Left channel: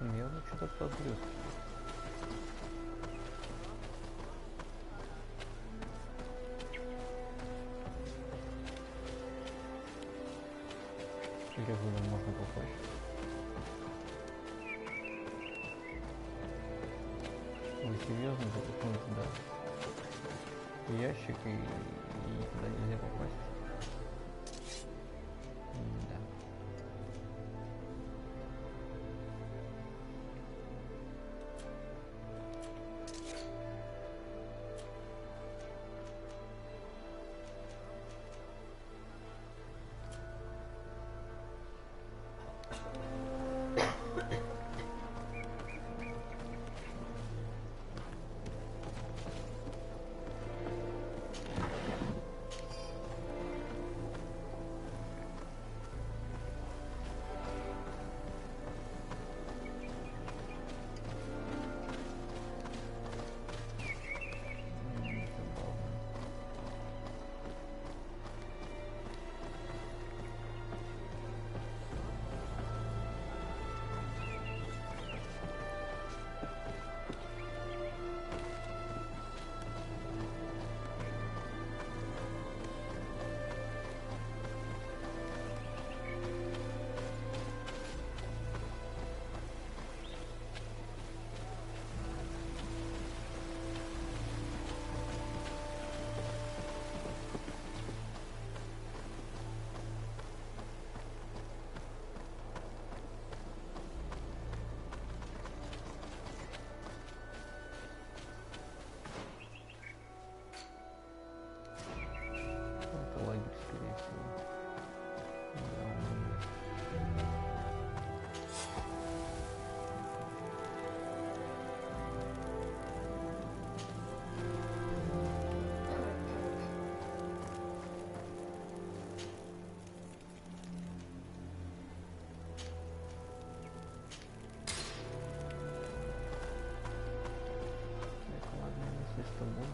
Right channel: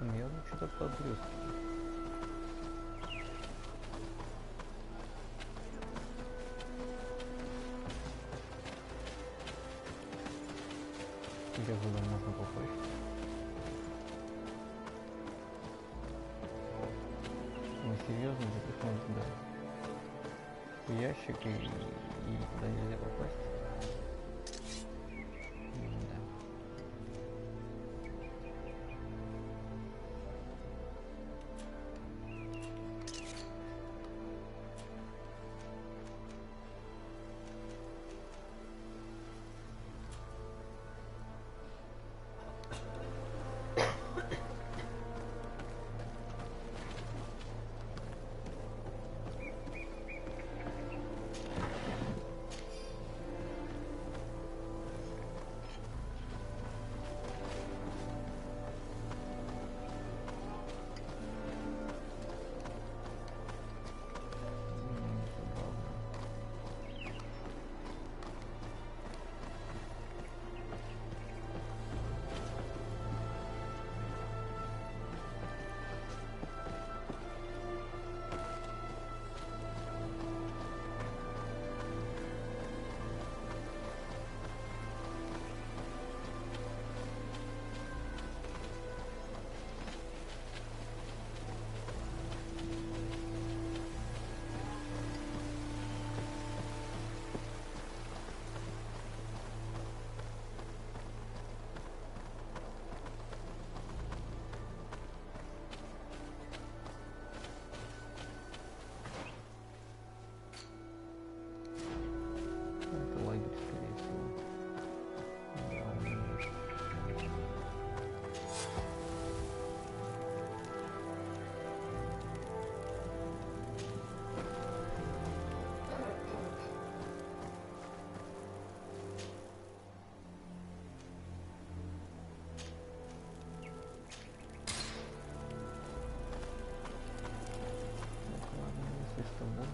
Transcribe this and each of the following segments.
Явно что-то подблескивает. Где туда можно попасть? Вы серьезно запихнуть, да? Ящик и туда нельзя попасть? Да. Это лагерь, скорее всего. Да, он есть. Так, ладно, если с тобой.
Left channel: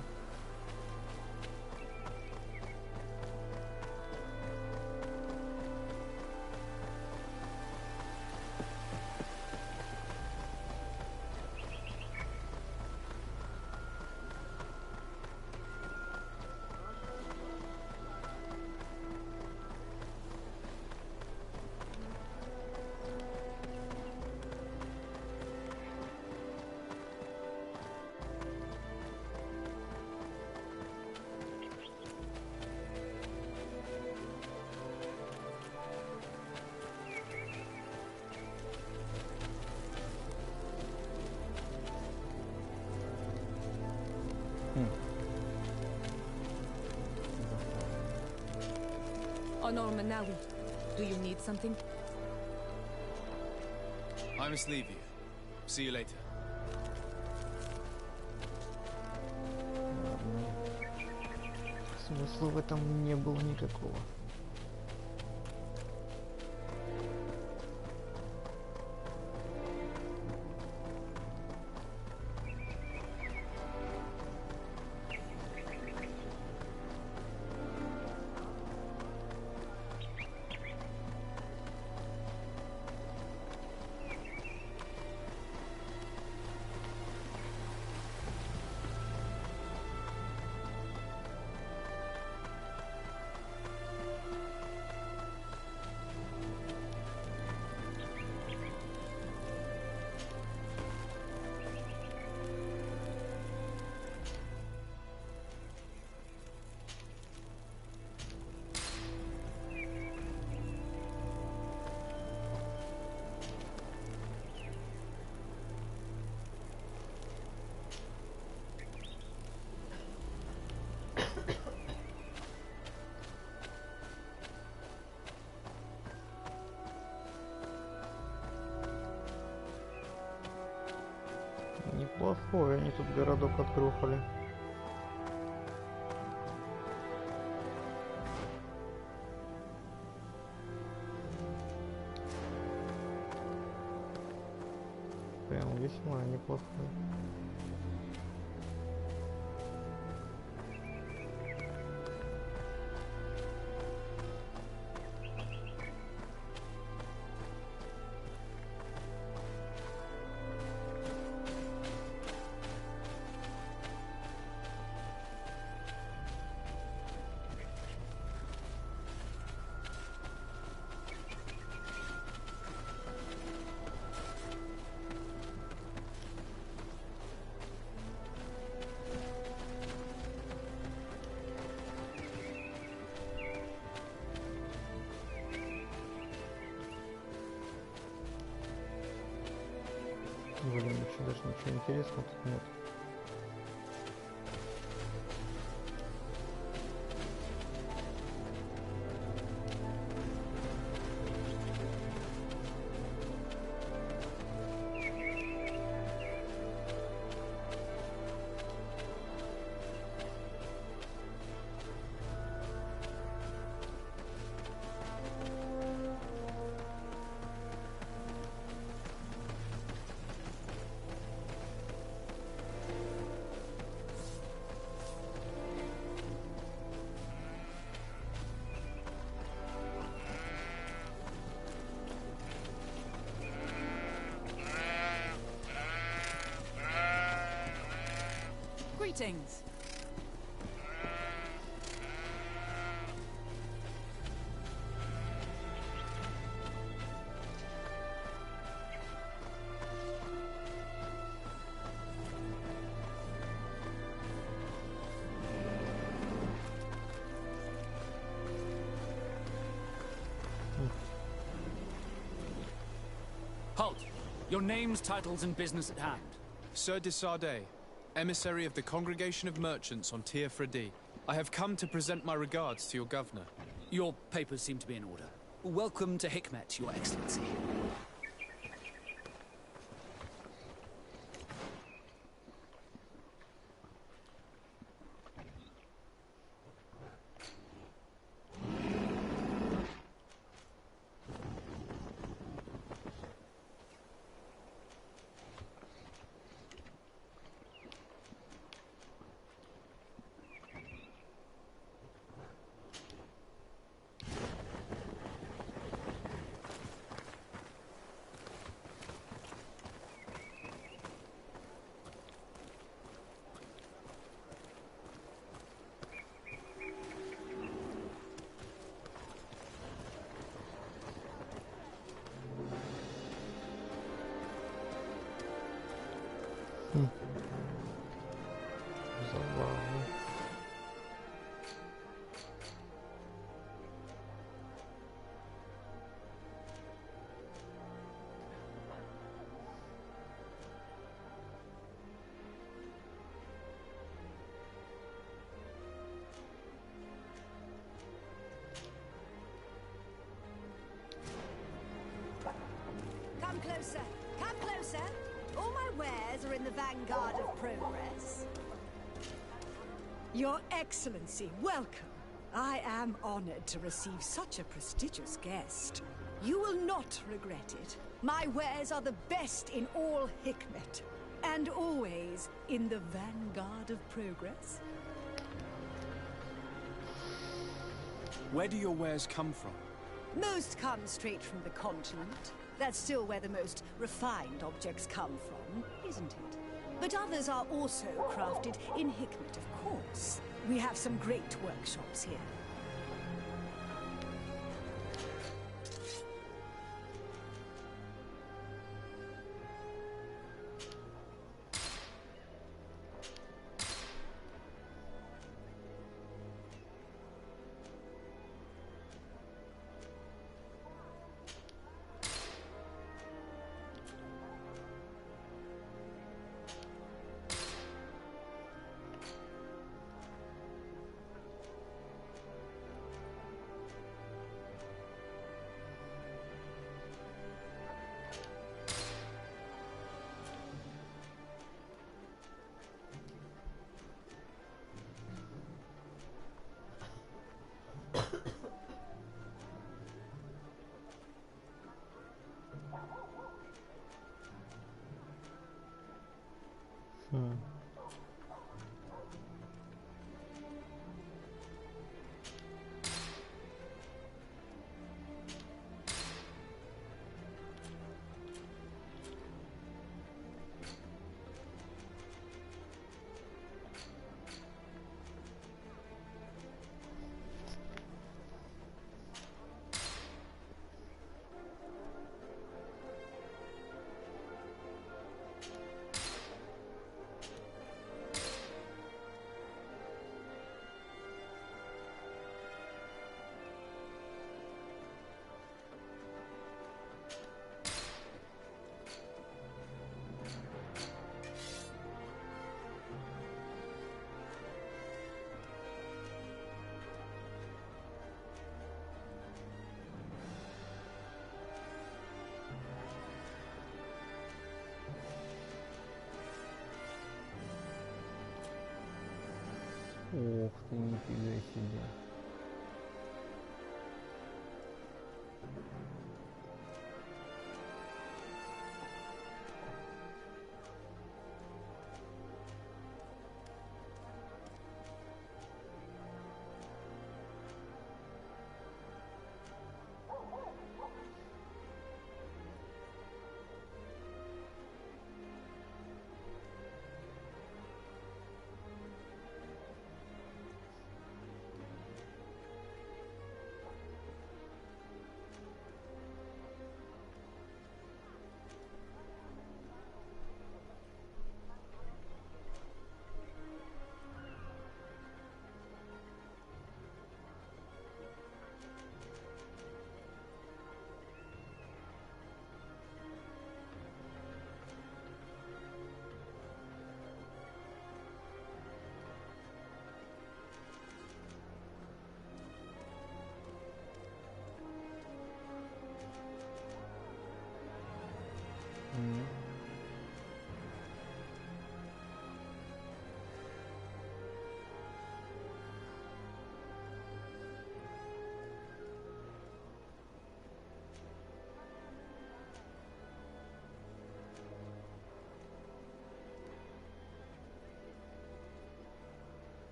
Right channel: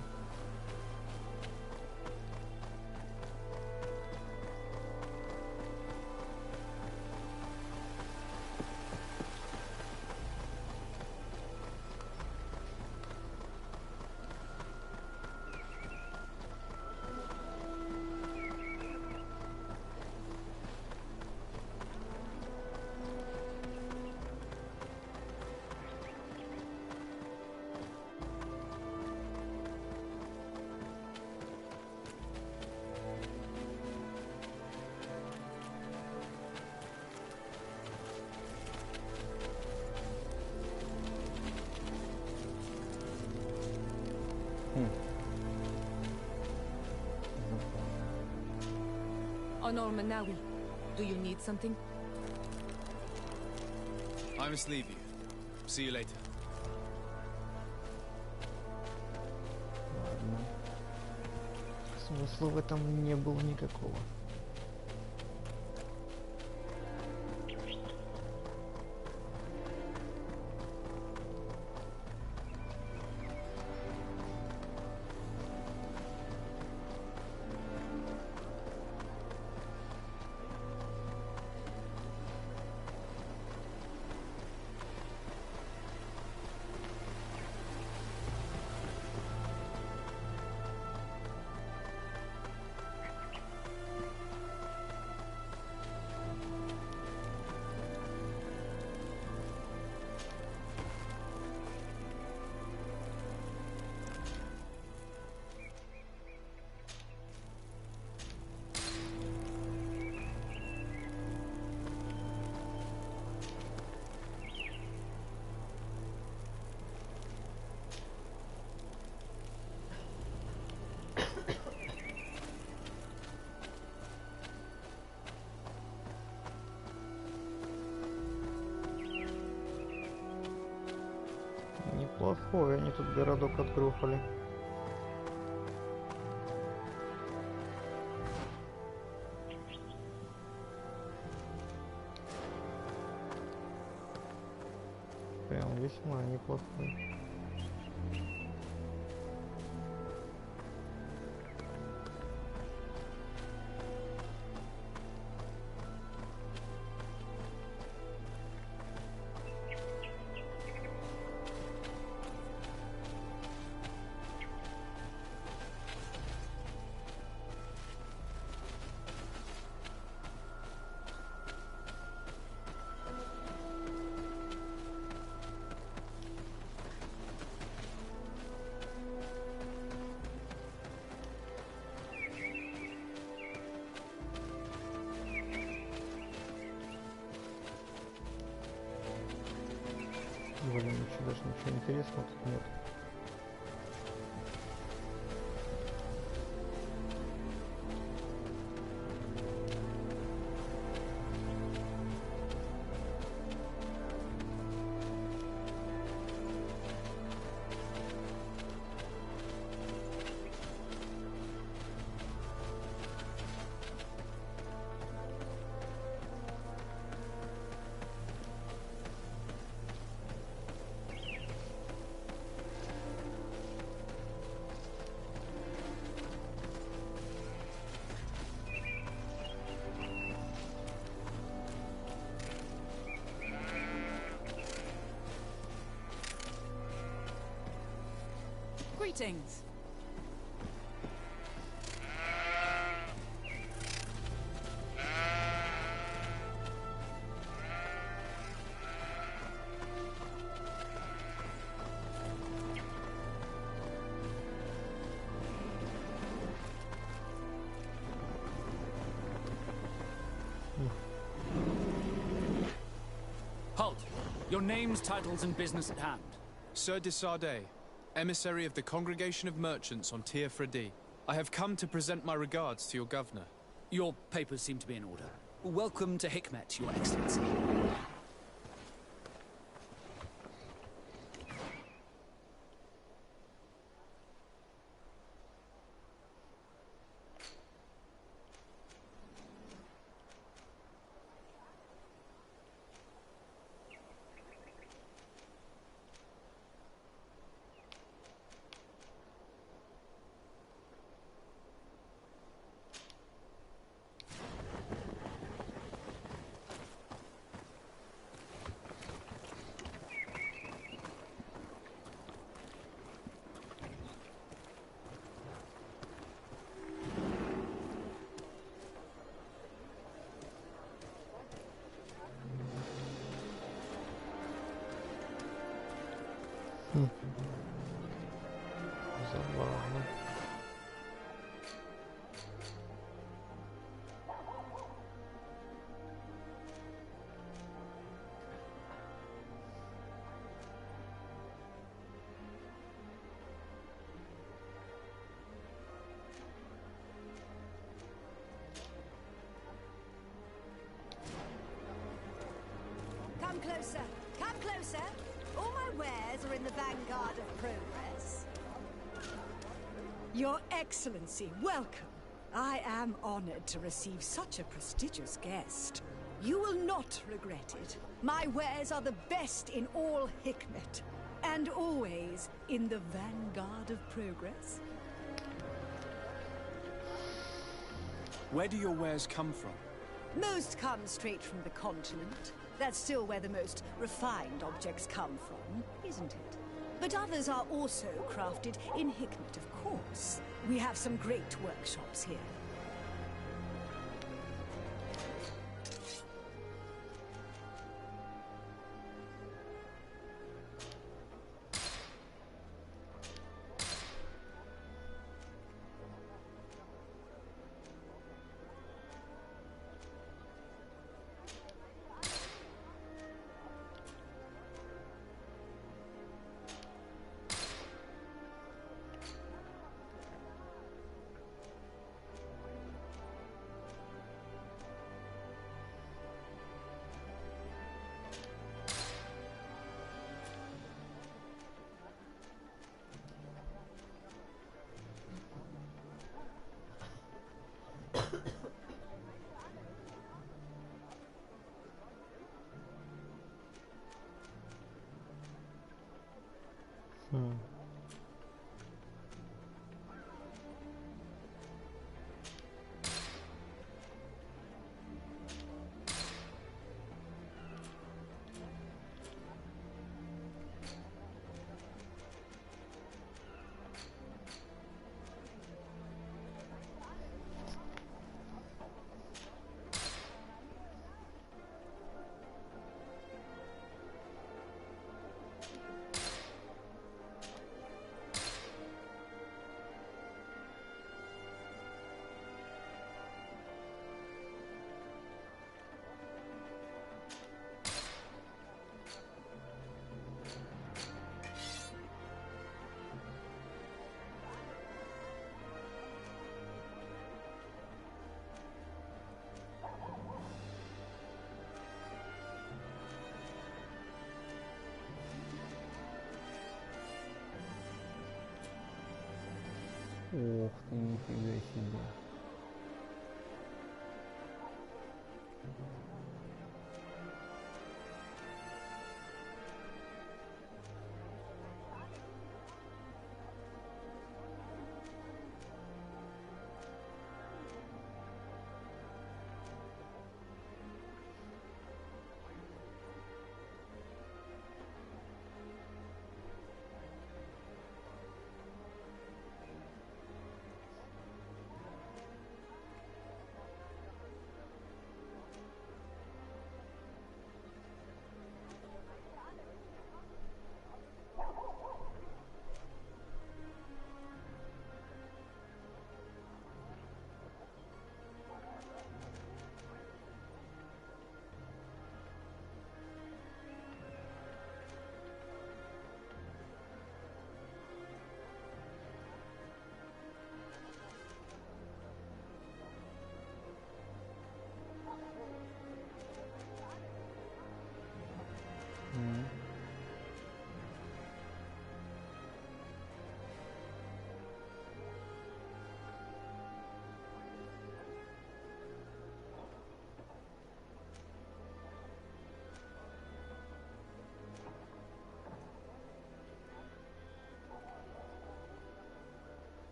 Honor Manawi, do you need something? I must leave you. See you later. Ладно. Смысла в этом не было никакого. Неплохой, они тут городок отгрохали. Прям весьма неплохой. Блин, даже ничего интересного тут нет. Greetings. Halt! Your names, titles, and business at hand. Sir de Sardet, emissary of the Congregation of Merchants on Tier Fredi. I have come to present my regards to your governor. Your papers seem to be in order. Welcome to Hikmet, Your Excellency. Забавно. Come closer. Come closer. All my wares are in the vanguard of progress. Your Excellency, welcome. I am honored to receive such a prestigious guest. You will not regret it. My wares are the best in all Hikmet, and always in the vanguard of progress. Where do your wares come from? Most come straight from the continent. That's still where the most refined objects come from, isn't it? But others are also crafted in Hikmet, of course. We have some great workshops here. Ух ты, нифига себе.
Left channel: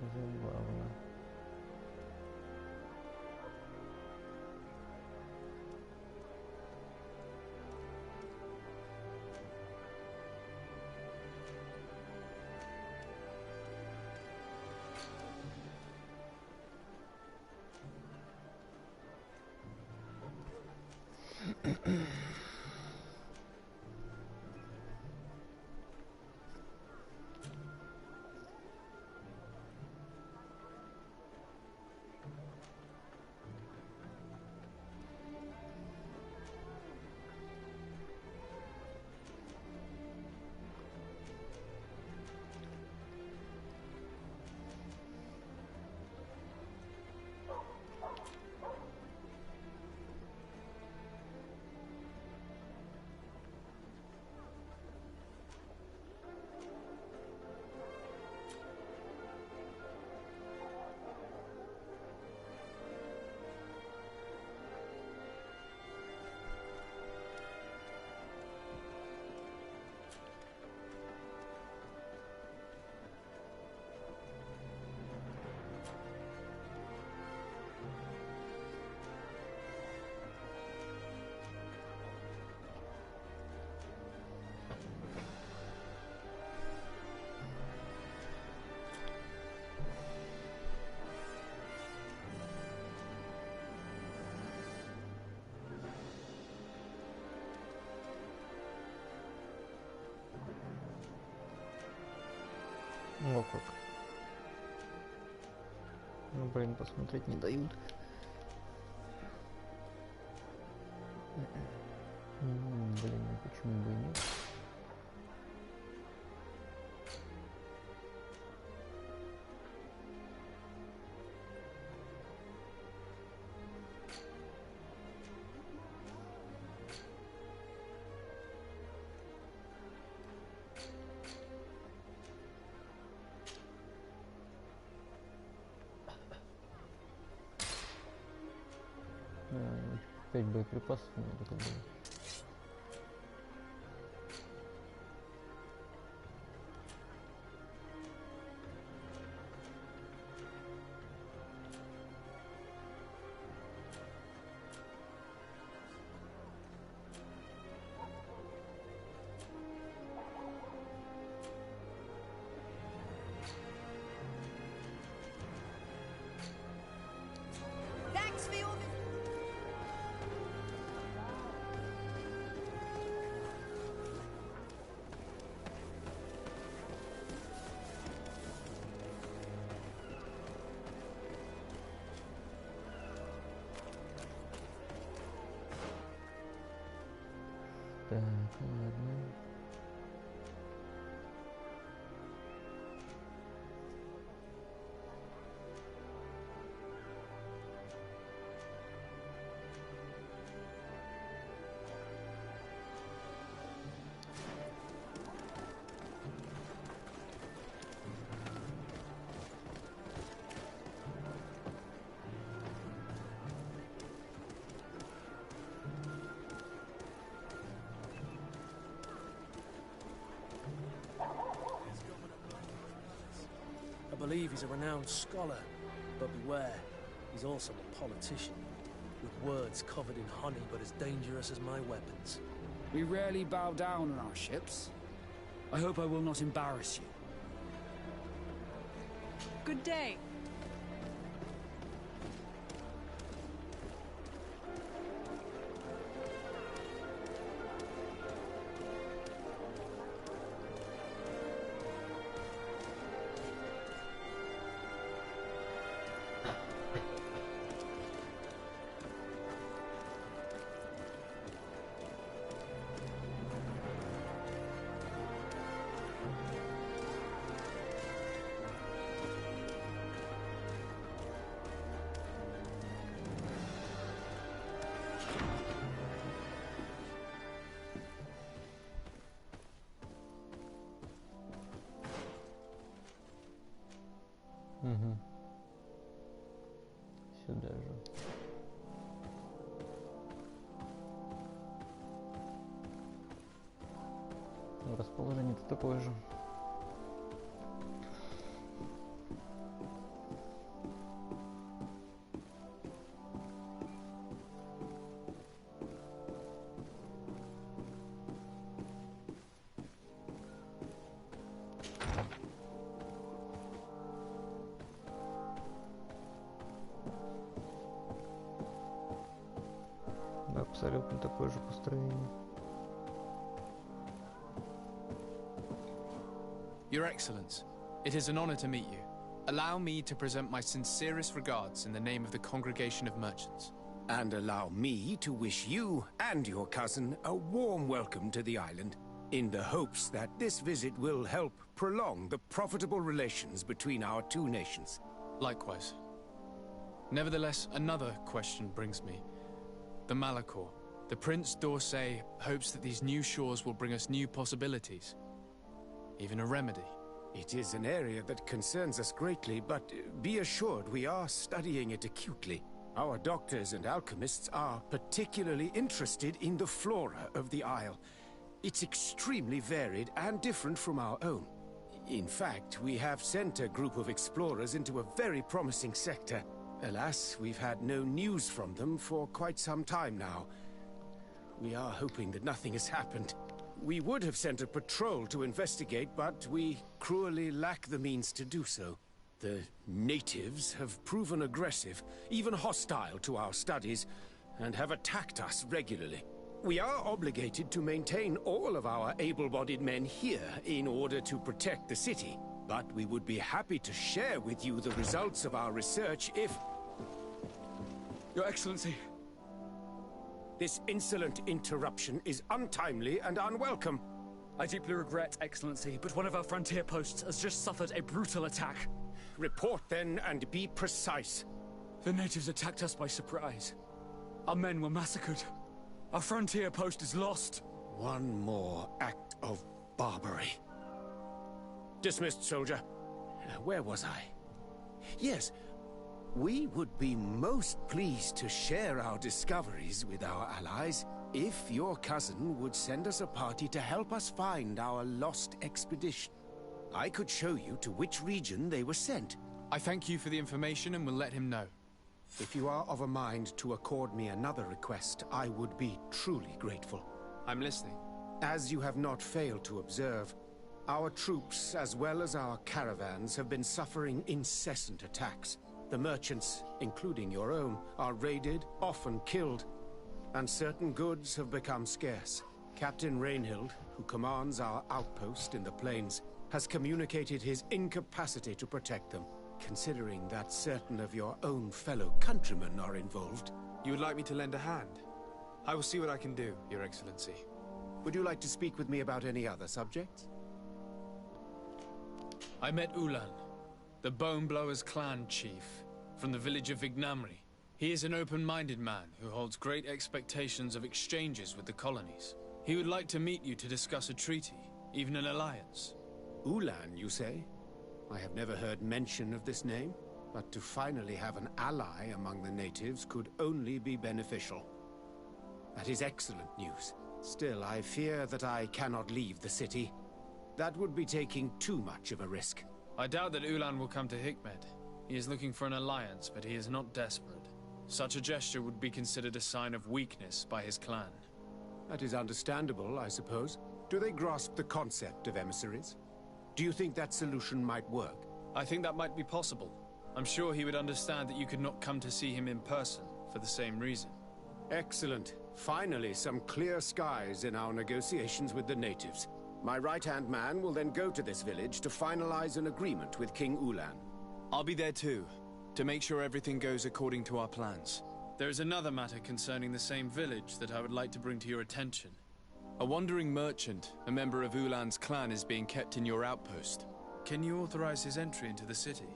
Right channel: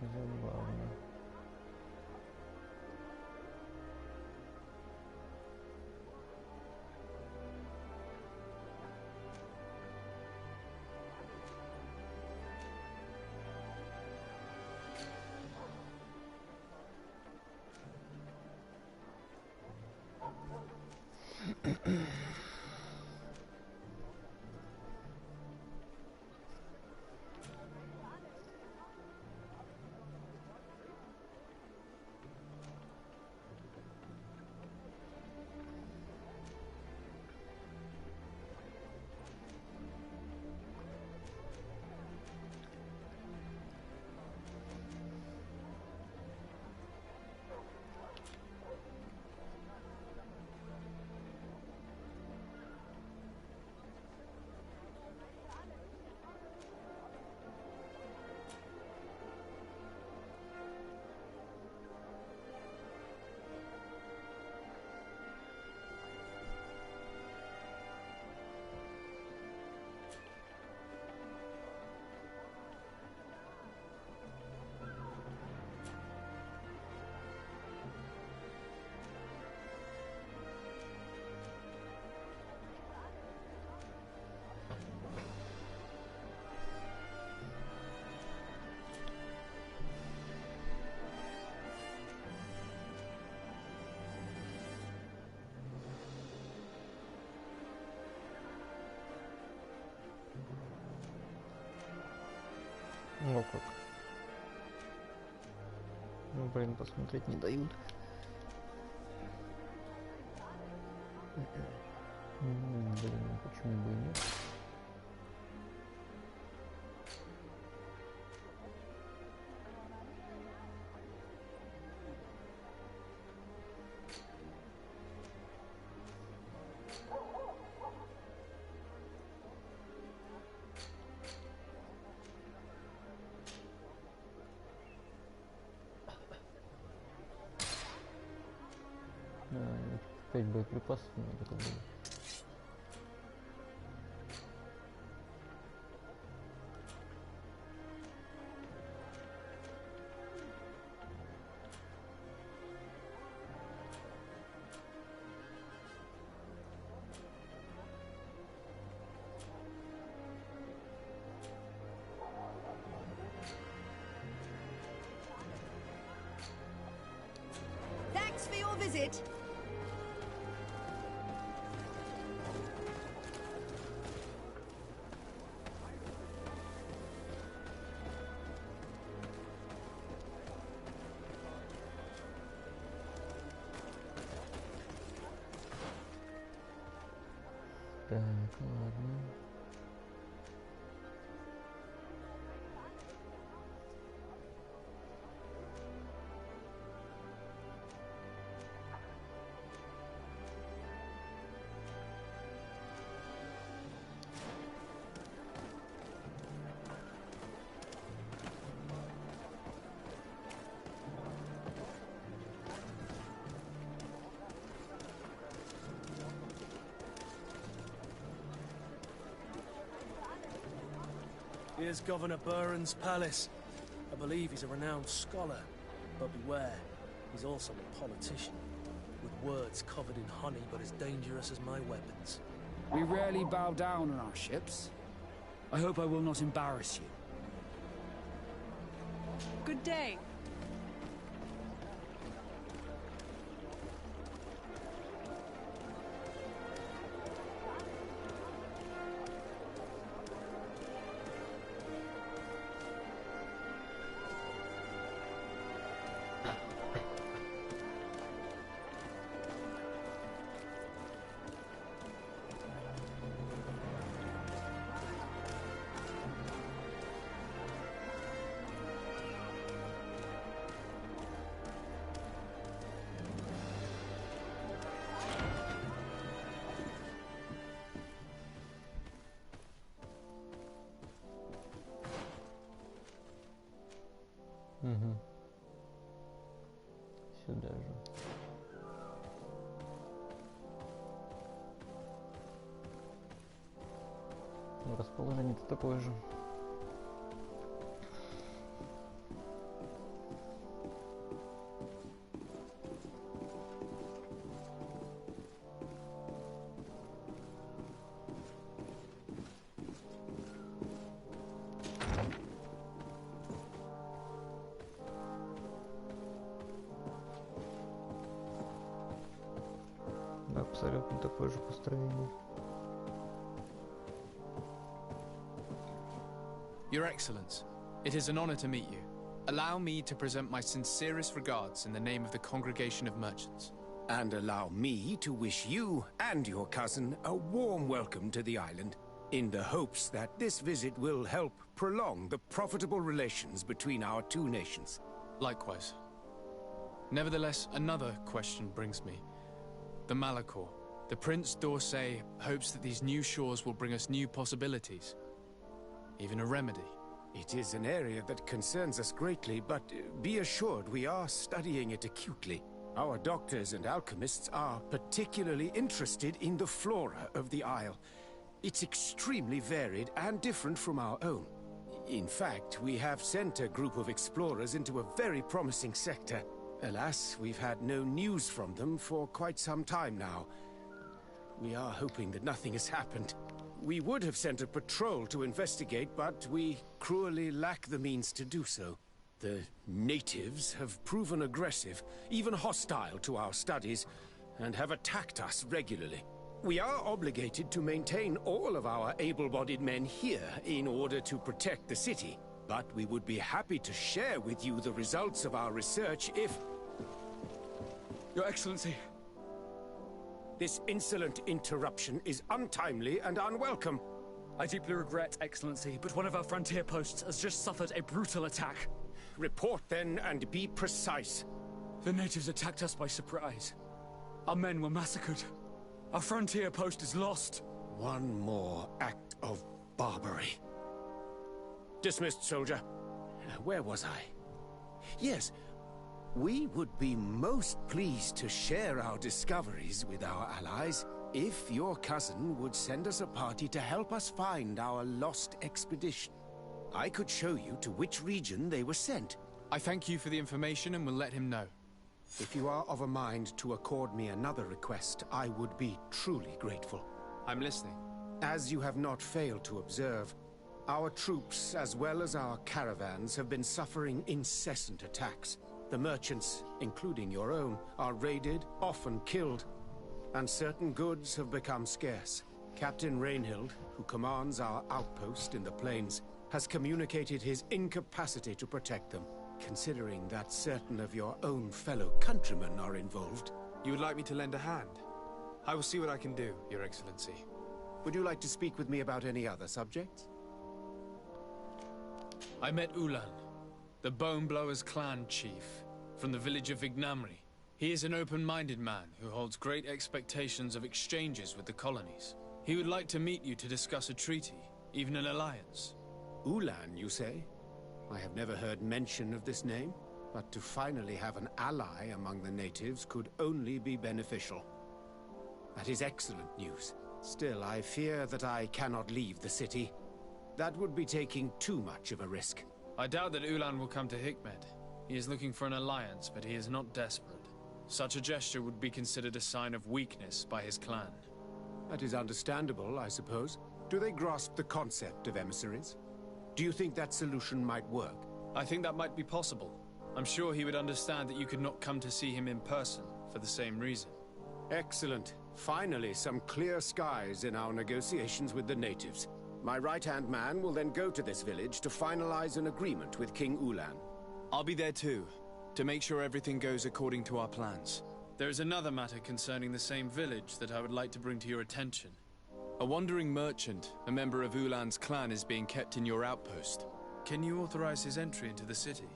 Забавно. О как. Ну блин, посмотреть не дают. Блин, ну почему бы и нет? А, 5 боеприпасов надо как бы. Thanks for your visit. Так, ладно. enters Governor Buren's palace. I believe he's a renowned scholar, but beware, he's also a politician, with words covered in honey but as dangerous as my weapons. We rarely bow down on our ships. I hope I will not embarrass you. Good day. Угу. Сюда же. Ну, расположение-то такое же. Абсолютно такое же построение. Your Excellence, it is an honor to meet you. Allow me to present my sincerest regards in the name of the Congregation of Merchants. And allow me to wish you and your cousin a warm welcome to the island, in the hopes that this visit will help prolong the profitable relations between our two nations. Likewise. Nevertheless, another question brings me. The Malachor. The Prince d'Orsay hopes that these new shores will bring us new possibilities. Even a remedy. It is an area that concerns us greatly, but be assured we are studying it acutely. Our doctors and alchemists are particularly interested in the flora of the Isle. It's extremely varied and different from our own. In fact, we have sent a group of explorers into a very promising sector. Alas, we've had no news from them for quite some time now. We are hoping that nothing has happened. We would have sent a patrol to investigate, but we cruelly lack the means to do so. The natives have proven aggressive, even hostile to our studies, and have attacked us regularly. We are obligated to maintain all of our able-bodied men here in order to protect the city. But we would be happy to share with you the results of our research if... Your Excellency. This insolent interruption is untimely and unwelcome. I deeply regret, Excellency, but one of our frontier posts has just suffered a brutal attack. Report then and be precise. The natives attacked us by surprise. Our men were massacred. Our frontier post is lost. One more act of barbarity. Dismissed, soldier. Where was I? Yes, we would be most pleased to share our discoveries with our allies if your cousin would send us a party to help us find our lost expedition. I could show you to which region they were sent. I thank you for the information and will let him know. If you are of a mind to accord me another request, I would be truly grateful. I'm listening. As you have not failed to observe, our troops, as well as our caravans, have been suffering incessant attacks. The merchants, including your own, are raided, often killed, and certain goods have become scarce. Captain Rainhild, who commands our outpost in the plains, has communicated his incapacity to protect them, considering that certain of your own fellow countrymen are involved. You would like me to lend a hand? I will see what I can do, Your Excellency. Would you like to speak with me about any other subjects? I met Ulan, the Bone Blowers clan chief, from the village of Vignamri. He is an open-minded man who holds great expectations of exchanges with the colonies. He would like to meet you to discuss a treaty, even an alliance. Ulan, you say? I have never heard mention of this name, but to finally have an ally among the natives could only be beneficial. That is excellent news. Still, I fear that I cannot leave the city. That would be taking too much of a risk. I doubt that Ulan will come to Hikmet. He is looking for an alliance, but he is not desperate. Such a gesture would be considered a sign of weakness by his clan. That is understandable, I suppose. Do they grasp the concept of emissaries? Do you think that solution might work? I think that might be possible. I'm sure he would understand that you could not come to see him in person for the same reason. Excellent. Finally, some clear skies in our negotiations with the natives. My right-hand man will then go to this village to finalize an agreement with King Ulan. I'll be there too, to make sure everything goes according to our plans. There is another matter concerning the same village that I would like to bring to your attention. A wandering merchant, a member of Ulan's clan, is being kept in your outpost. Can you authorize his entry into the city?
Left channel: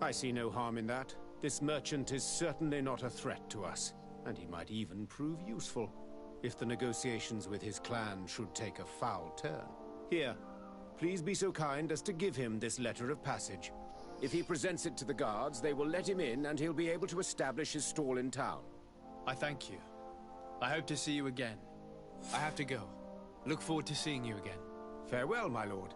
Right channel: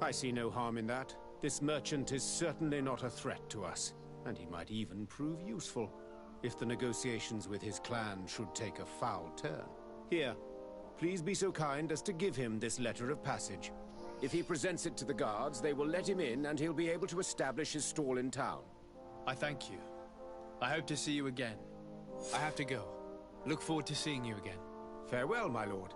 I see no harm in that. This merchant is certainly not a threat to us, and he might even prove useful, if the negotiations with his clan should take a foul turn. Here, please be so kind as to give him this letter of passage. If he presents it to the guards, they will let him in and he'll be able to establish his stall in town. I thank you. I hope to see you again. I have to go. Look forward to seeing you again. Farewell, my lord.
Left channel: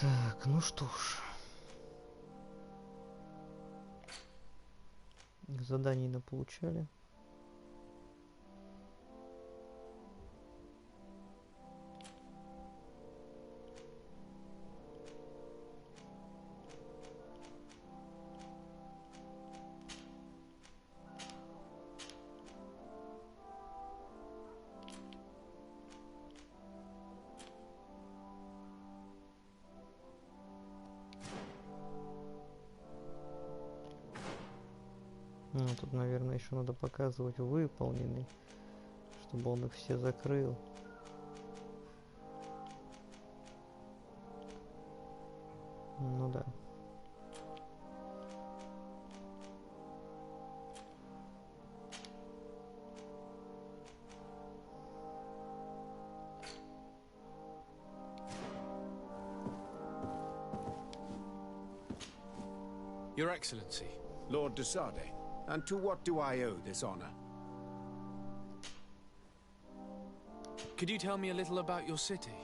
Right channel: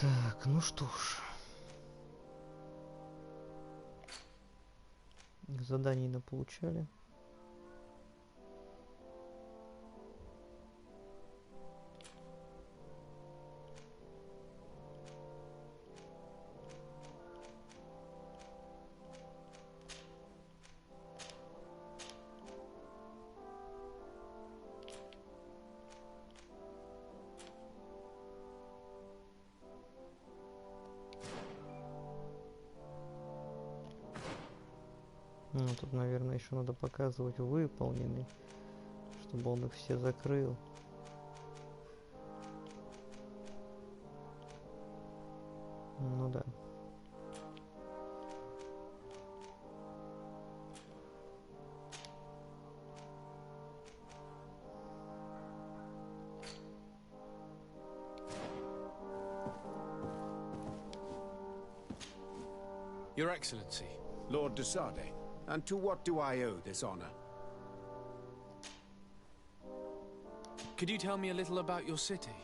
Так, ну что ж. Заданий наполучали. Ну, тут, наверное, еще надо показывать выполненный, чтобы он их все закрыл. Ну да. Your Excellency. Lord de Sade. And to what do I owe this honor? Could you tell me a little about your city?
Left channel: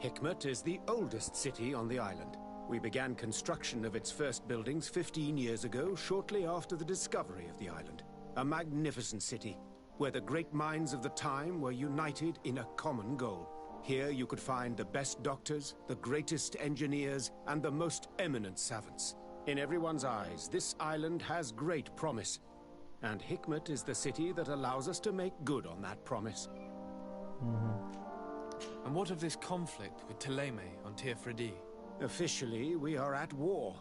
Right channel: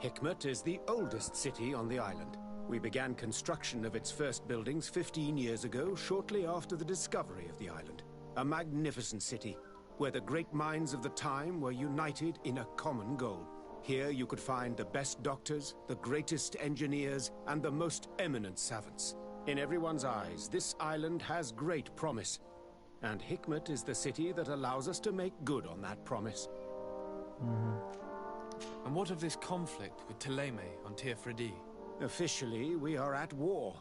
Hikmet is the oldest city on the island. We began construction of its first buildings 15 years ago, shortly after the discovery of the island. A magnificent city, where the great minds of the time were united in a common goal. Here you could find the best doctors, the greatest engineers, and the most eminent savants. In everyone's eyes, this island has great promise. And Hikmet is the city that allows us to make good on that promise. And what of this conflict with Teleme on Tirfredi? Officially, we are at war.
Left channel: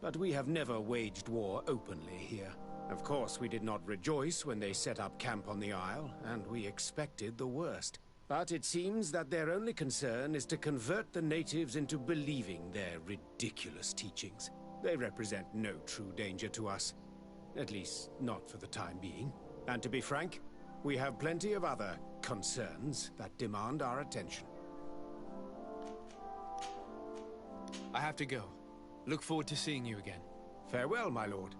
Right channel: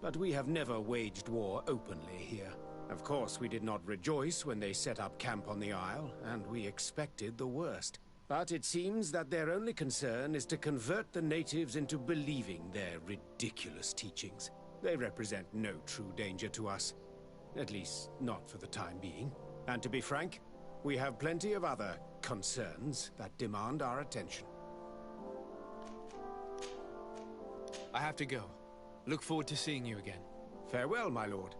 But we have never waged war openly here. Of course, we did not rejoice when they set up camp on the Isle, and we expected the worst. But it seems that their only concern is to convert the natives into believing their ridiculous teachings. They represent no true danger to us. At least, not for the time being. And to be frank, we have plenty of other concerns that demand our attention. I have to go. Look forward to seeing you again. Farewell, my lord.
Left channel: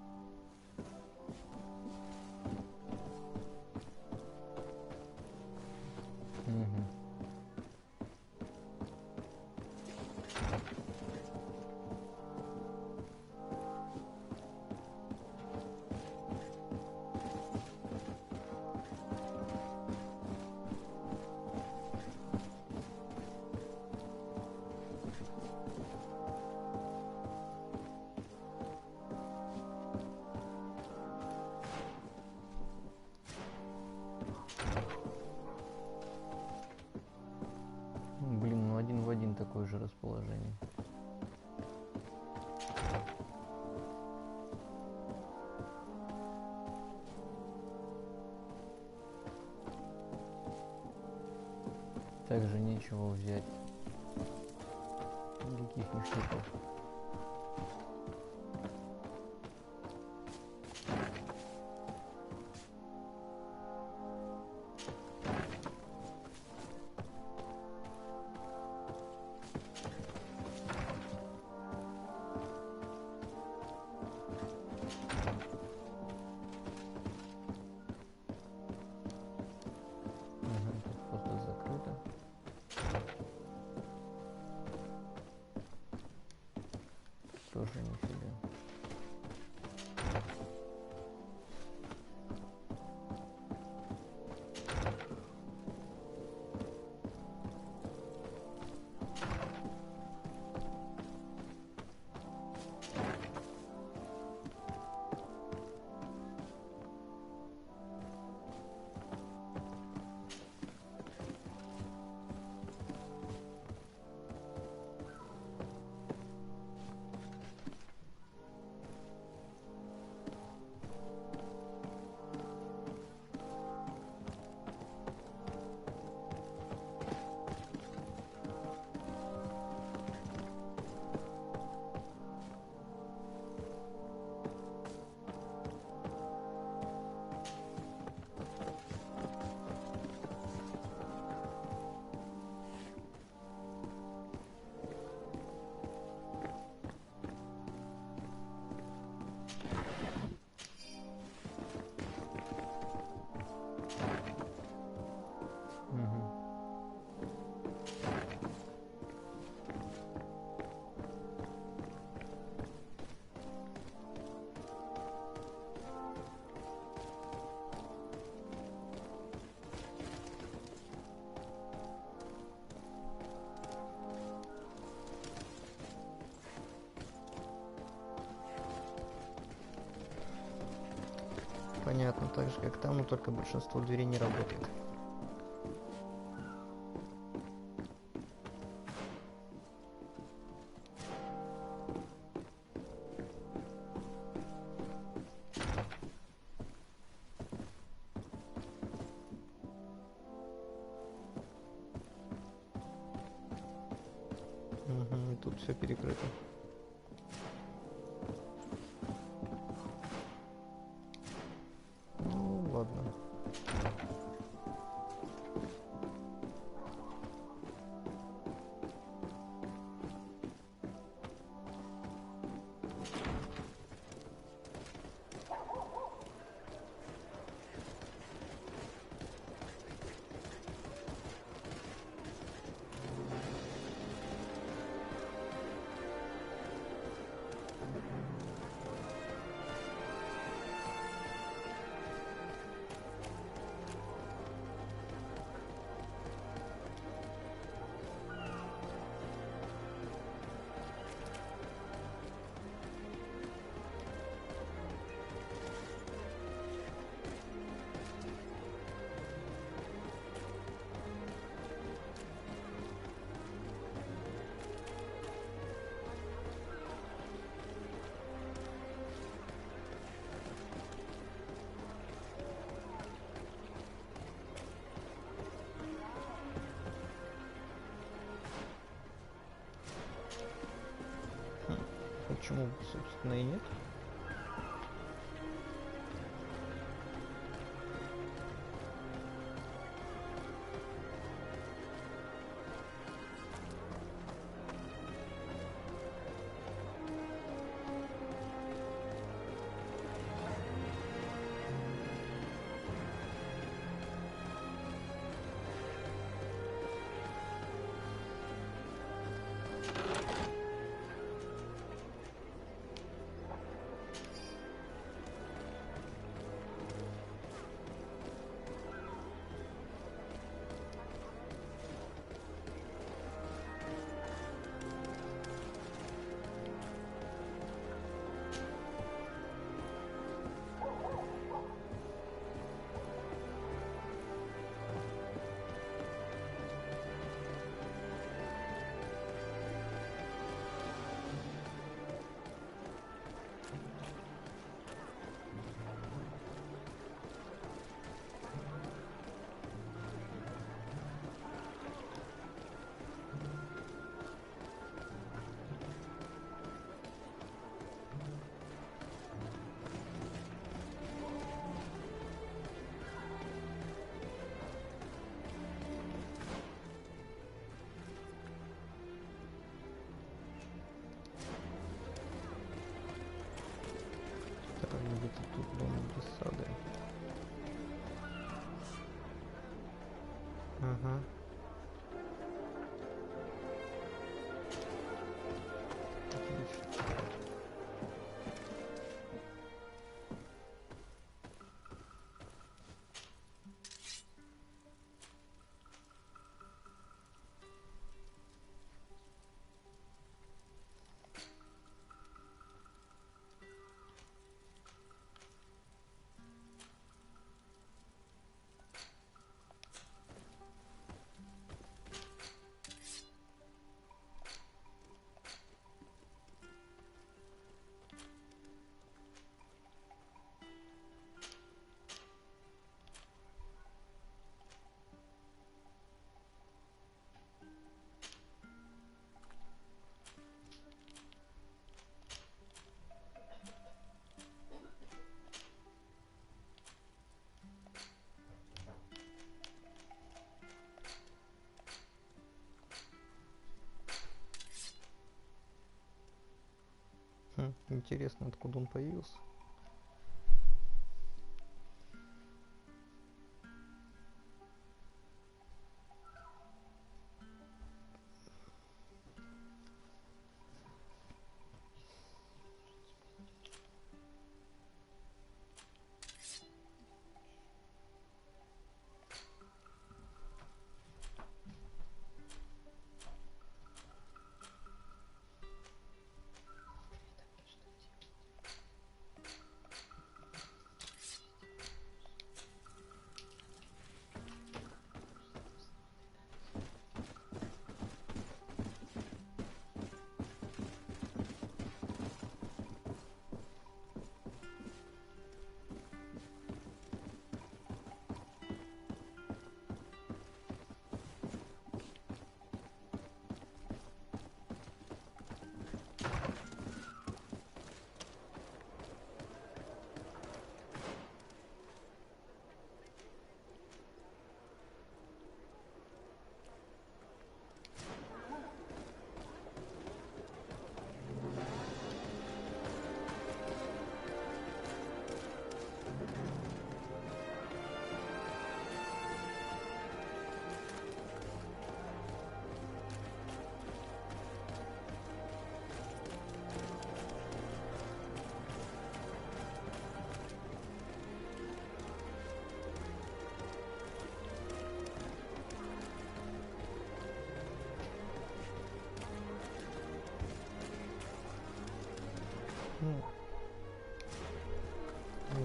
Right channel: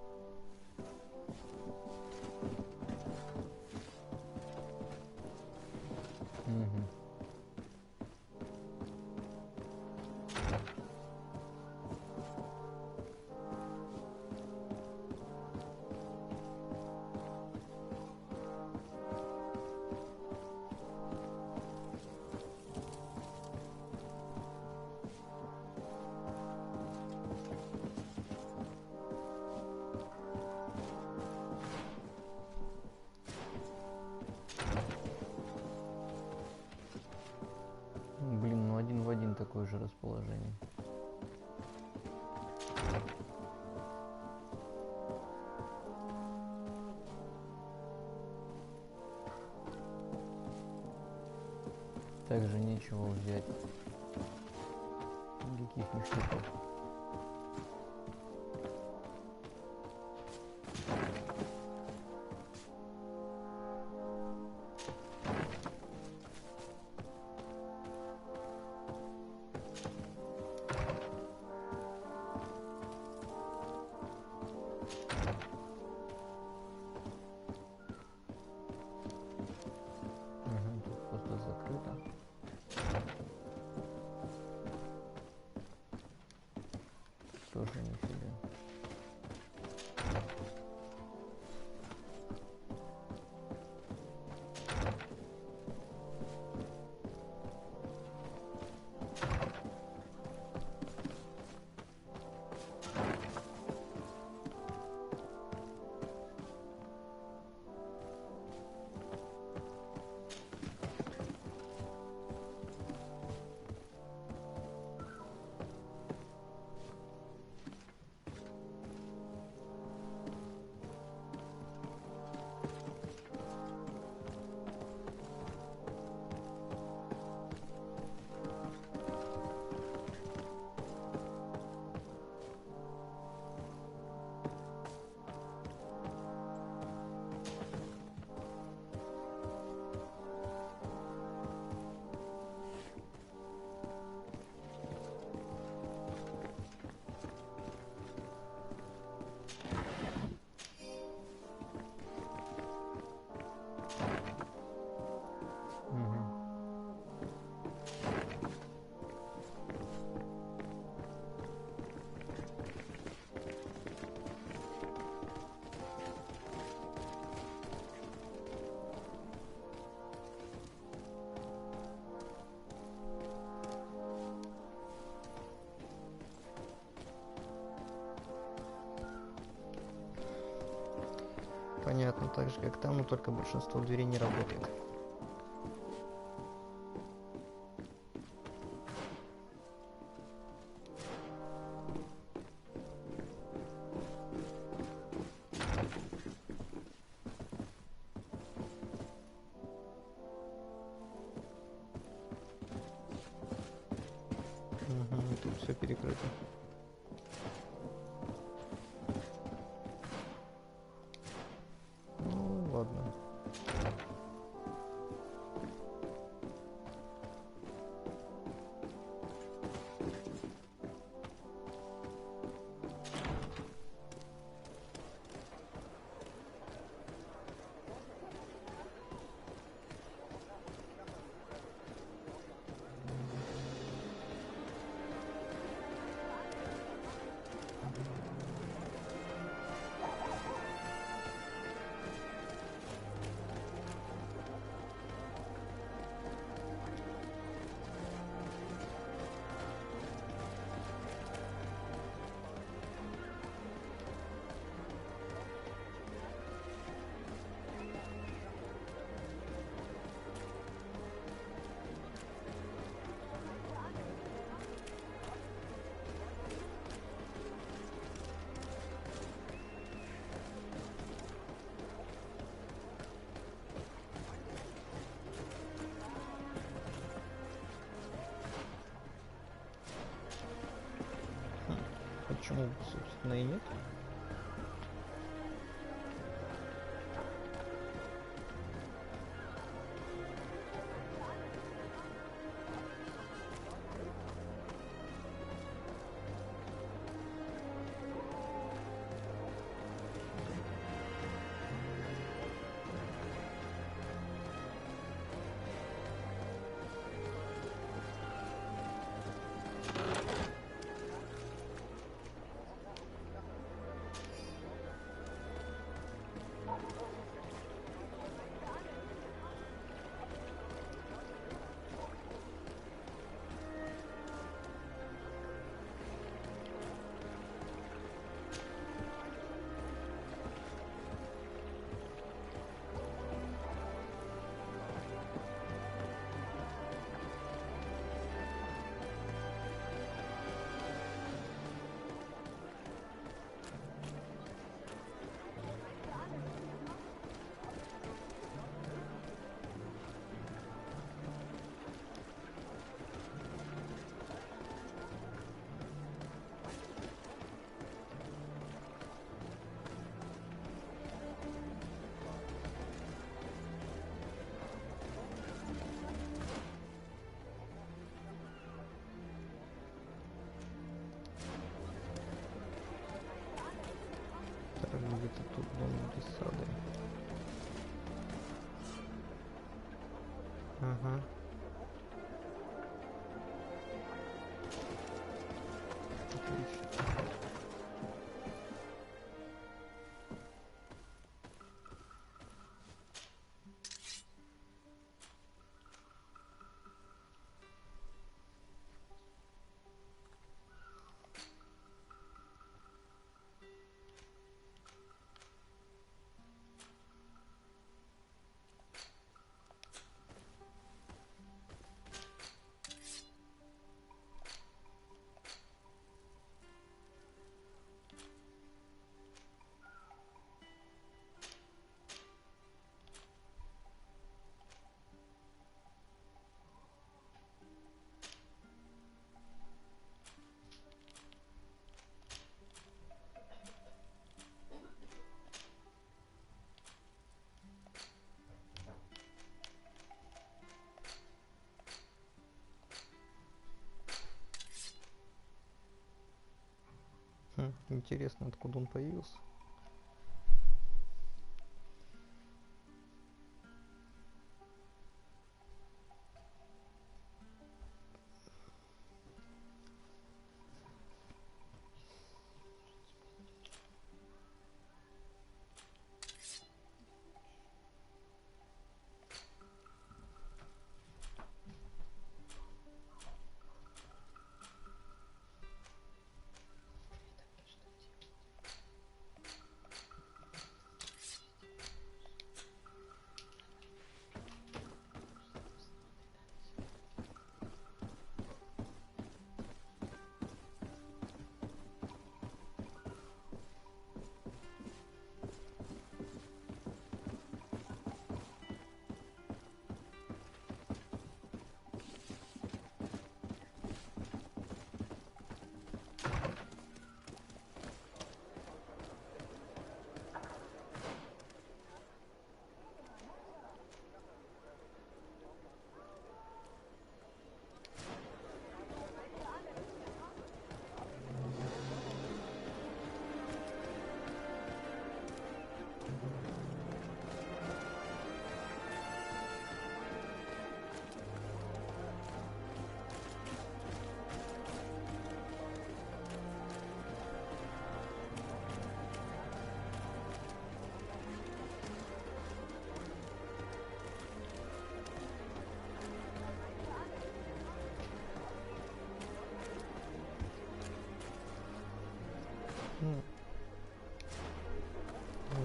Блин, ну один в один такое же расположение. Также нечего взять. Никаких ништяков. Тоже нифига. Понятно, так же как там, но только большинство дверей не работает. Угу, тут все перекрыто. Ну, ладно. Почему, собственно, и нет? Где-то тут дом без сады. Ага. Отлично. Интересно, откуда он появился.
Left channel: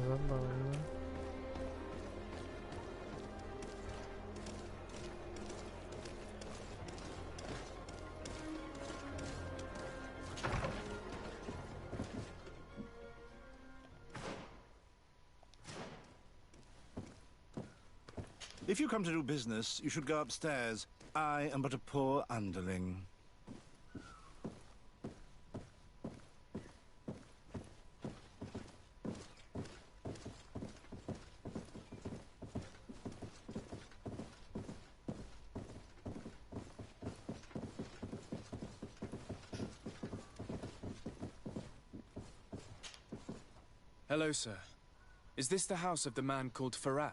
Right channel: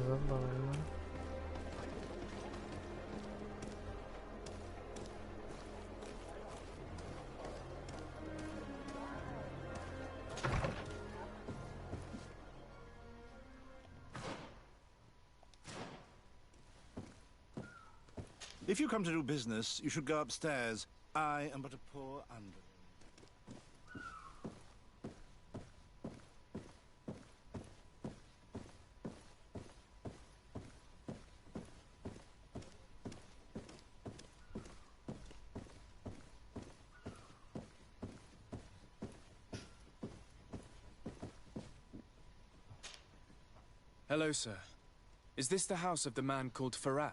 Забавно. If you come to do business, you should go upstairs. I am but a poor underling. Hello, sir. Is this the house of the man called Farad?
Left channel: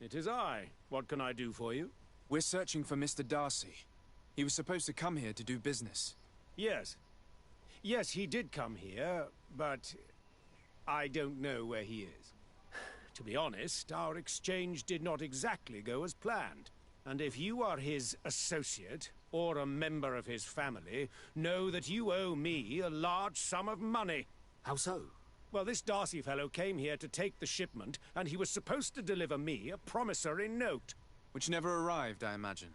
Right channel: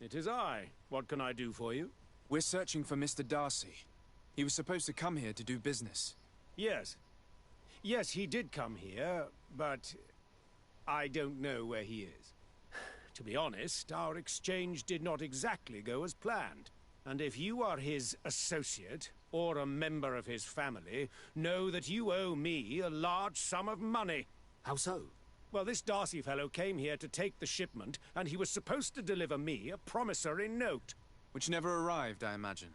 It is I. What can I do for you? We're searching for Mr. Darcy. He was supposed to come here to do business. Yes. Yes, he did come here, but I don't know where he is. To be honest, our exchange did not exactly go as planned. And if you are his associate, or a member of his family, know that you owe me a large sum of money. How so? Well, this Darcy fellow came here to take the shipment, and he was supposed to deliver me a promissory note. Which never arrived, I imagine.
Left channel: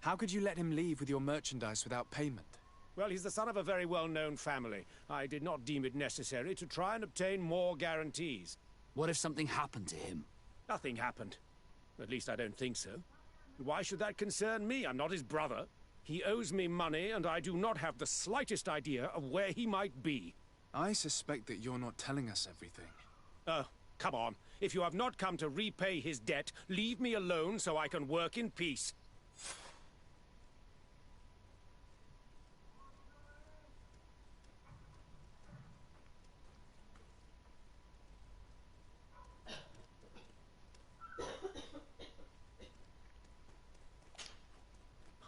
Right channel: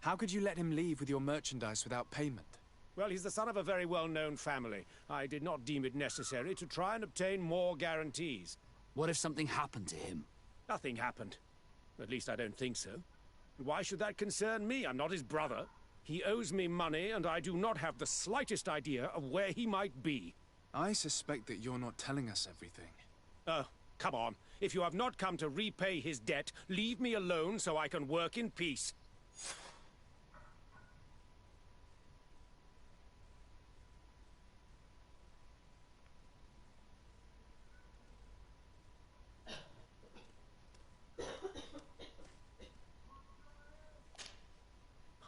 How could you let him leave with your merchandise without payment? Well, he's the son of a very well-known family. I did not deem it necessary to try and obtain more guarantees. What if something happened to him? Nothing happened. At least I don't think so. Why should that concern me? I'm not his brother. He owes me money, and I do not have the slightest idea of where he might be. I suspect that you're not telling us everything. Oh, come on. If you have not come to repay his debt, leave me alone so I can work in peace.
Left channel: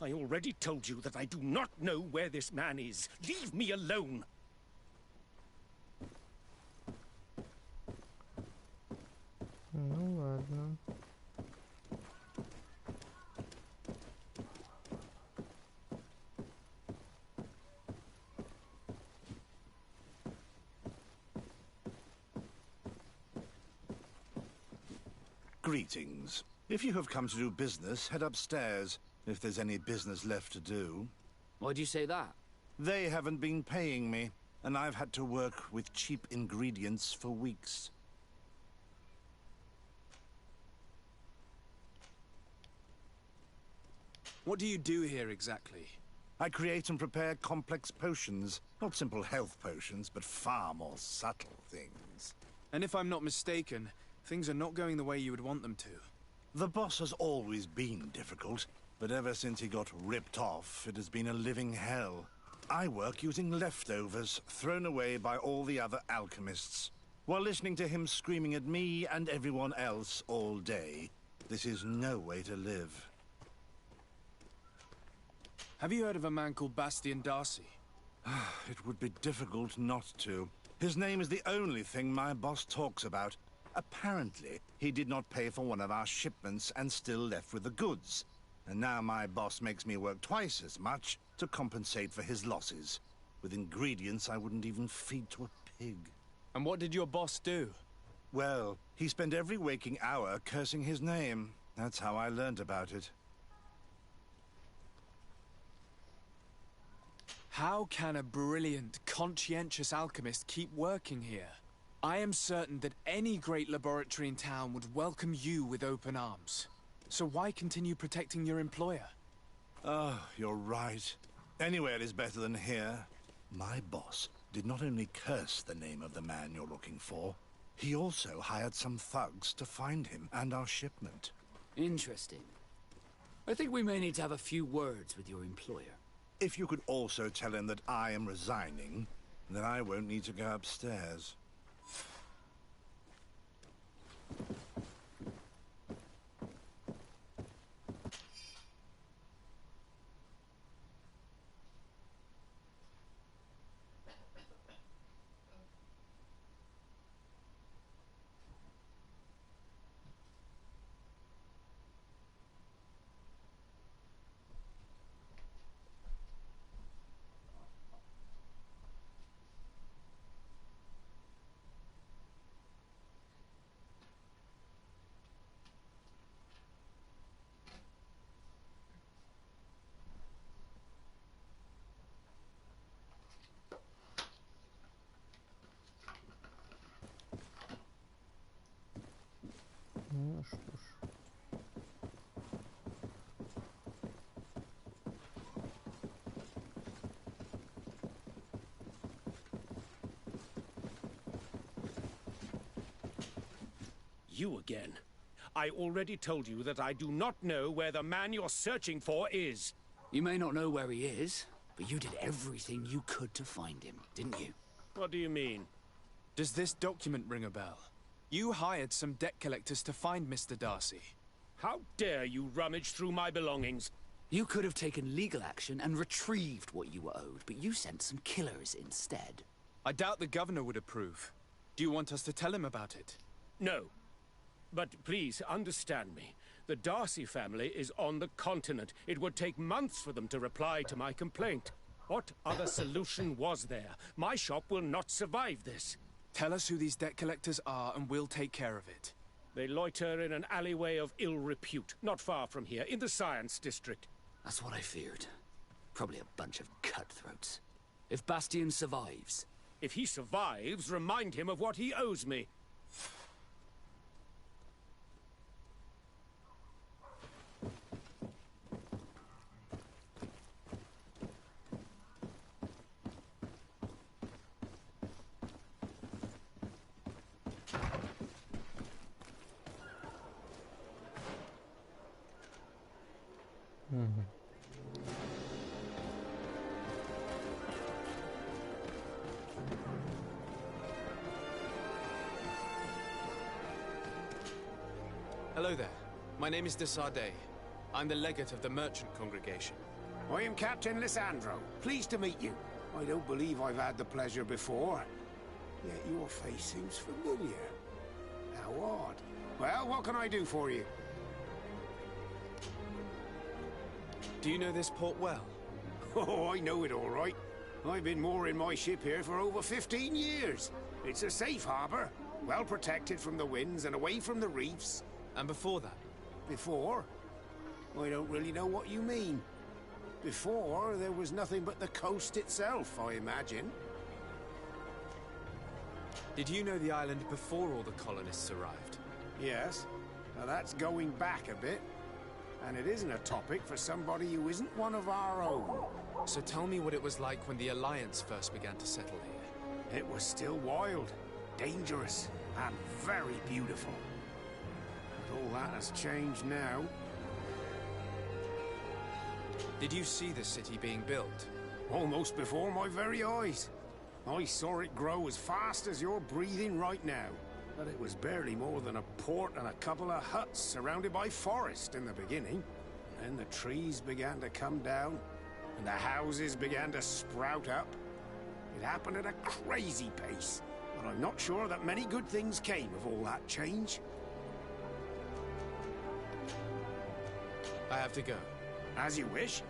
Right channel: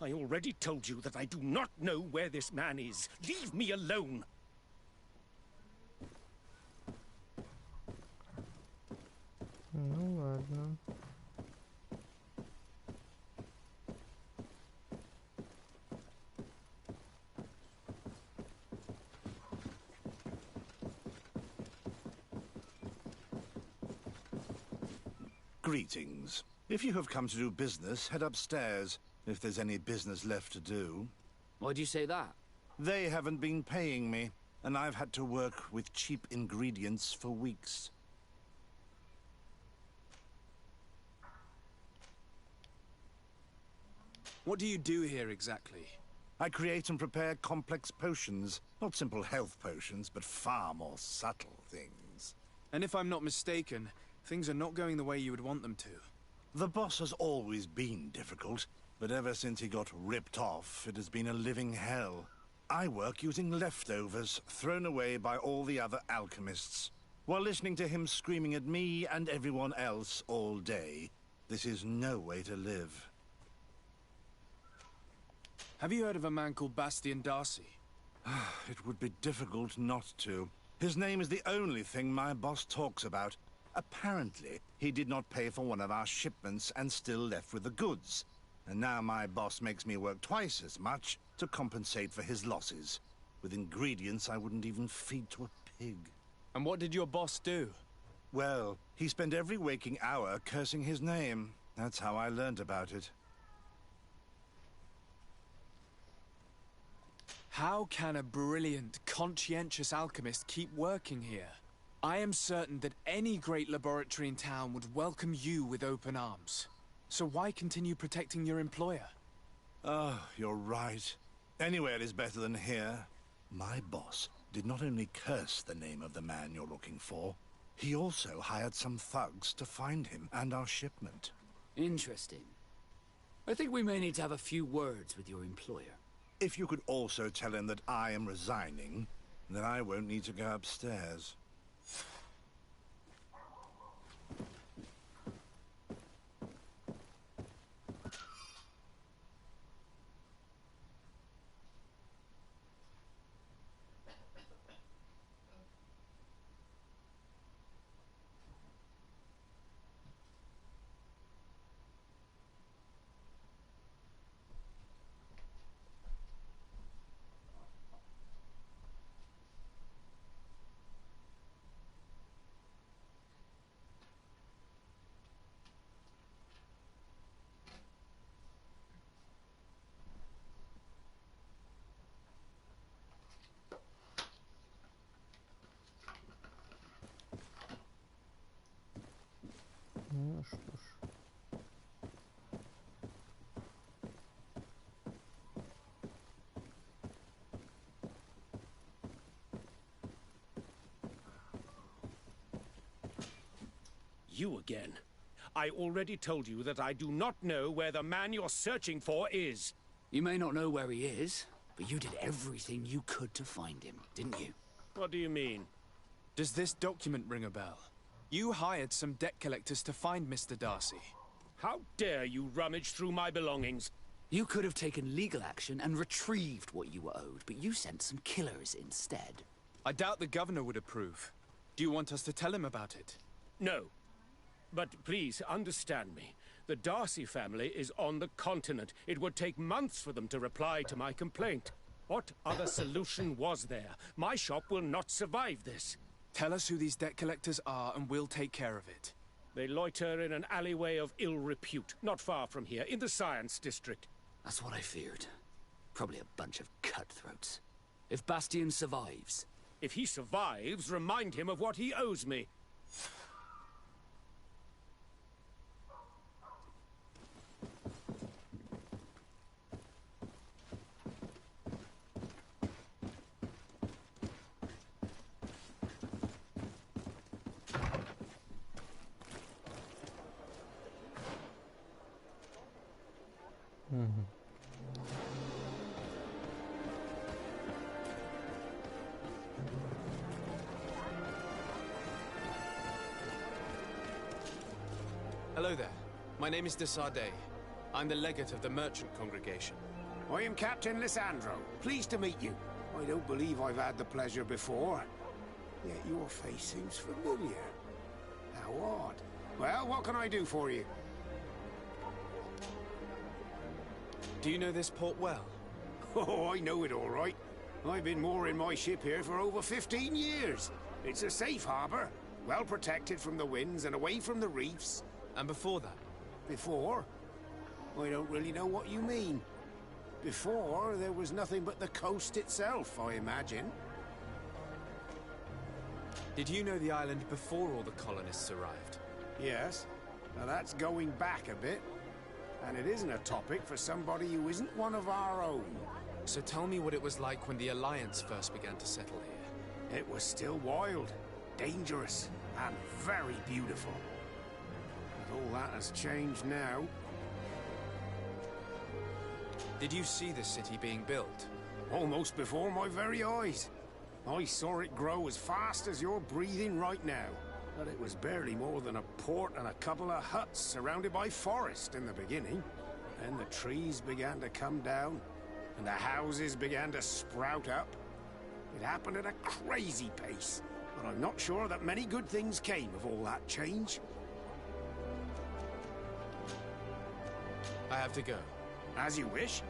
I already told you that I do not know where this man is. Leave me alone! Ну ладно. Greetings. If you have come to do business, head upstairs, if there's any business left to do. Why do you say that? They haven't been paying me, and I've had to work with cheap ingredients for weeks. What do you do here exactly? I create and prepare complex potions. Not simple health potions, but far more subtle things. And if I'm not mistaken, things are not going the way you would want them to. The boss has always been difficult, but ever since he got ripped off, it has been a living hell. I work using leftovers thrown away by all the other alchemists, while listening to him screaming at me and everyone else all day. This is no way to live. Have you heard of a man called Bastian Darcy? It would be difficult not to. His name is the only thing my boss talks about. Apparently, he did not pay for one of our shipments and still left with the goods. And now my boss makes me work twice as much to compensate for his losses, with ingredients I wouldn't even feed to a pig. And what did your boss do? Well, he spent every waking hour cursing his name. That's how I learned about it. How can a brilliant, conscientious alchemist keep working here? I am certain that any great laboratory in town would welcome you with open arms. So why continue protecting your employer? Oh, you're right. Anywhere is better than here. My boss did not only curse the name of the man you're looking for, he also hired some thugs to find him and our shipment. Interesting. I think we may need to have a few words with your employer. If you could also tell him that I am resigning, then I won't need to go upstairs. Ну что ж. You again. I already told you that I do not know where the man you're searching for is. You may not know where he is, but you did everything you could to find him, didn't you? What do you mean? Does this document ring a bell? You hired some debt collectors to find Mr. Darcy. How dare you rummage through my belongings? You could have taken legal action and retrieved what you were owed, but you sent some killers instead. I doubt the governor would approve. Do you want us to tell him about it? No. But please understand me. The Darcy family is on the continent. It would take months for them to reply to my complaint. What other solution was there? My shop will not survive this. Tell us who these debt collectors are and we'll take care of it. They loiter in an alleyway of ill repute, not far from here, in the Science District. That's what I feared. Probably a bunch of cutthroats. If Bastian survives... If he survives, remind him of what he owes me. Hello there. My name is de Sardet. I'm the legate of the merchant congregation. I am Captain Lysandro. Pleased to meet you. I don't believe I've had the pleasure before. Yet your face seems familiar. How odd. Well, what can I do for you? Do you know this port well? Oh, I know it all right. I've been mooring my ship here for over 15 years. It's a safe harbor, well protected from the winds and away from the reefs. And before that? Before? I don't really know what you mean. Before, there was nothing but the coast itself, I imagine. Did you know the island before all the colonists arrived? Yes. Now that's going back a bit. And it isn't a topic for somebody who isn't one of our own. So tell me what it was like when the Alliance first began to settle here. It was still wild, dangerous, and very beautiful. But all that has changed now. Did you see the city being built? Almost before my very eyes. I saw it grow as fast as you're breathing right now. But it was barely more than a port and a couple of huts surrounded by forest in the beginning. And then the trees began to come down, and the houses began to sprout up. It happened at a crazy pace, but I'm not sure that many good things came of all that change. I have to go. As you wish.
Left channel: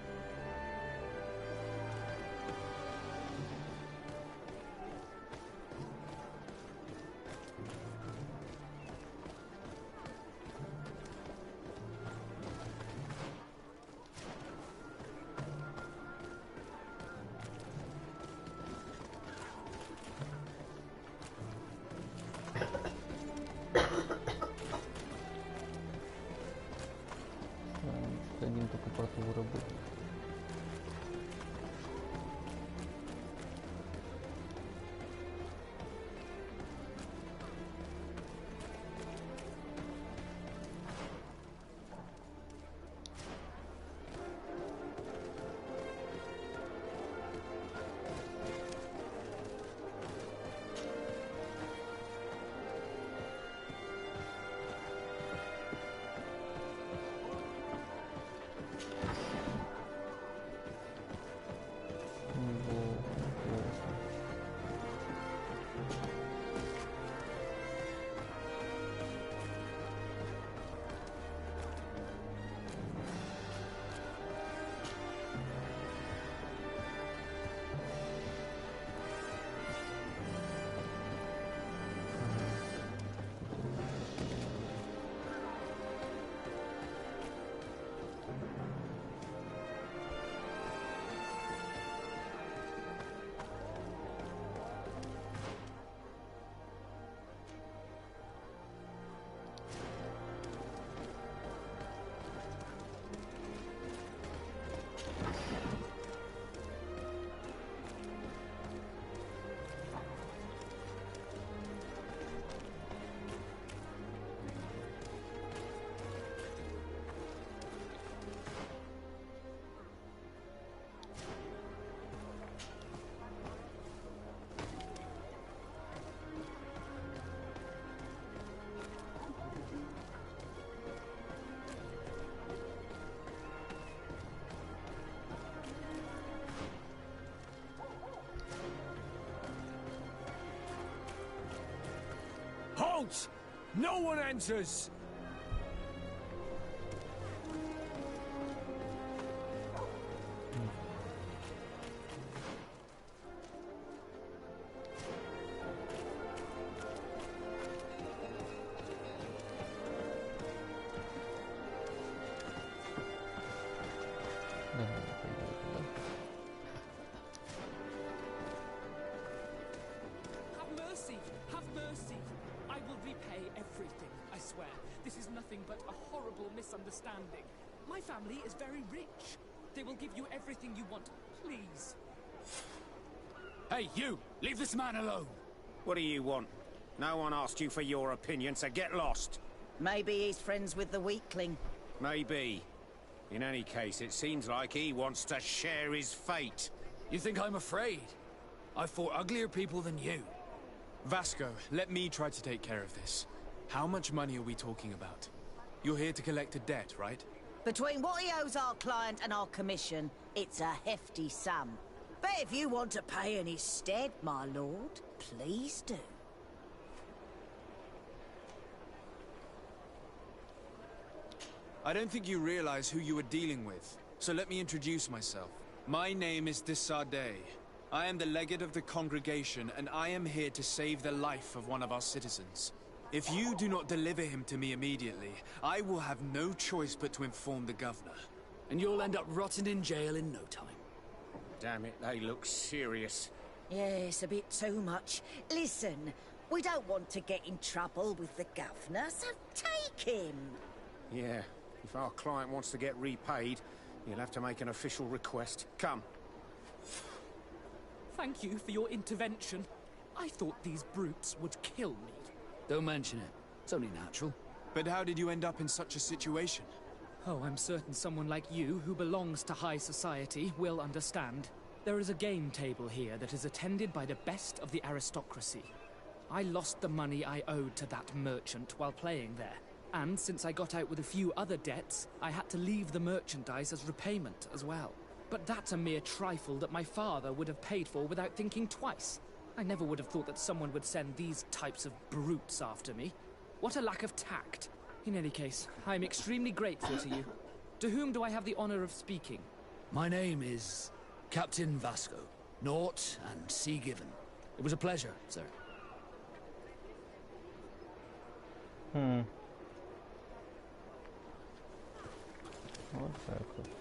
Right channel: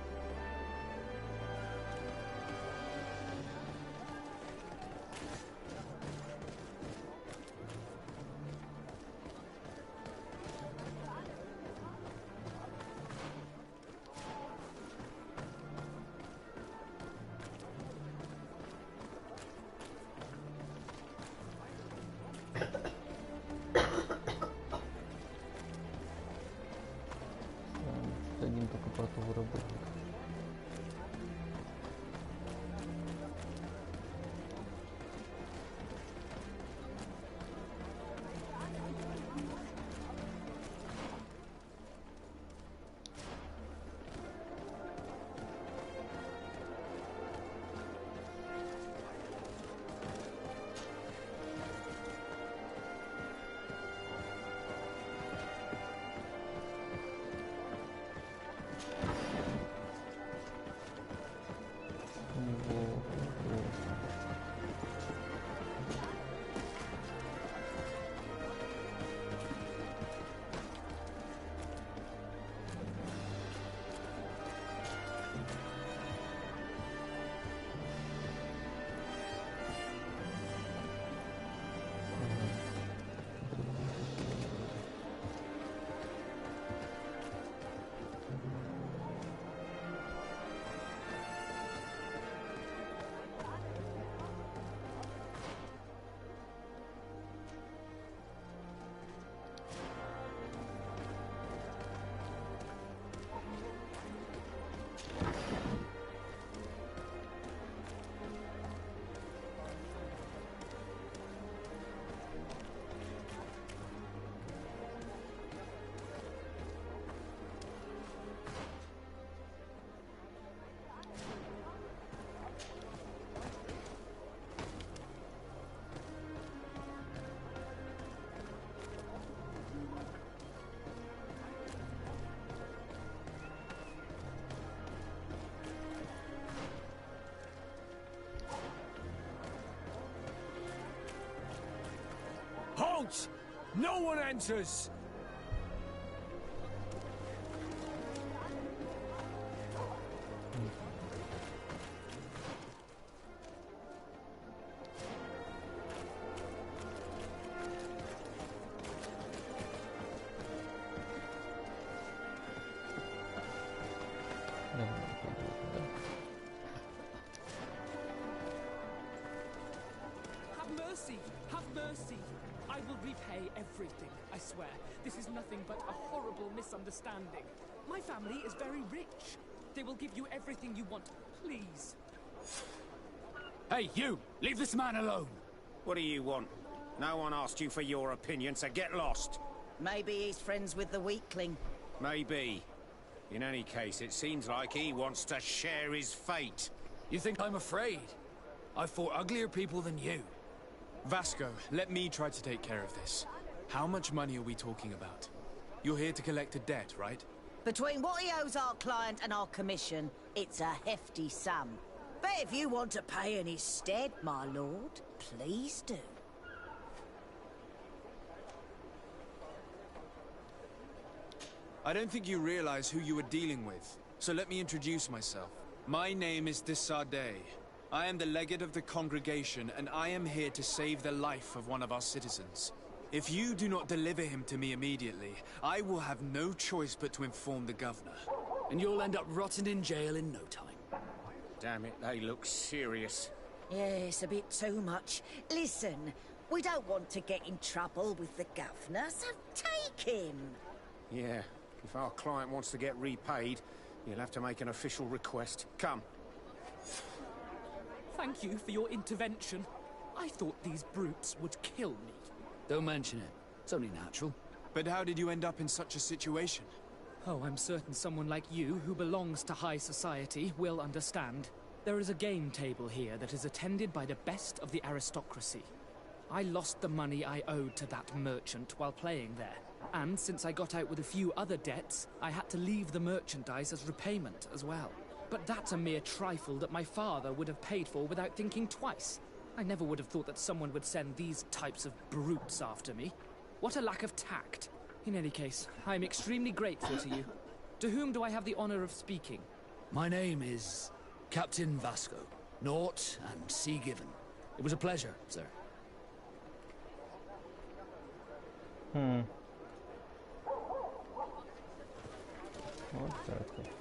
Один только портовый работник. Halt! No one enters! Have mercy! Have mercy! I will repay everything, I swear. This is nothing but a horrible misunderstanding. My family is very rich. They will give you everything you want. Please. Hey, you! Leave this man alone! What do you want? No one asked you for your opinion, so get lost. Maybe he's friends with the weakling. Maybe. In any case, it seems like he wants to share his fate. You think I'm afraid? I've fought uglier people than you. Vasco, let me try to take care of this. How much money are we talking about? You're here to collect a debt, right? Between what he owes our client and our commission, it's a hefty sum. But if you want to pay in his stead, my lord, please do. I don't think you realize who you are dealing with, so let me introduce myself. My name is de Sardet. I am the legate of the congregation, and I am here to save the life of one of our citizens. If you do not deliver him to me immediately, I will have no choice but to inform the governor. And you'll end up rotting in jail in no time. Damn it, they look serious. Yes, a bit too much. Listen, we don't want to get in trouble with the governor, so take him. Yeah, if our client wants to get repaid, you'll have to make an official request. Come. Thank you for your intervention. I thought these brutes would kill me. Don't mention it. It's only natural. But how did you end up in such a situation? Oh, I'm certain someone like you, who belongs to high society, will understand. There is a game table here that is attended by the best of the aristocracy. I lost the money I owed to that merchant while playing there. And since I got out with a few other debts, I had to leave the merchandise as repayment as well. But that's a mere trifle that my father would have paid for without thinking twice. I never would have thought that someone would send these types of brutes after me. What a lack of tact. In any case, I'm extremely grateful to you. To whom do I have the honor of speaking? My name is Captain Vasco. Naught and sea given. It was a pleasure, sir. Вот так вот.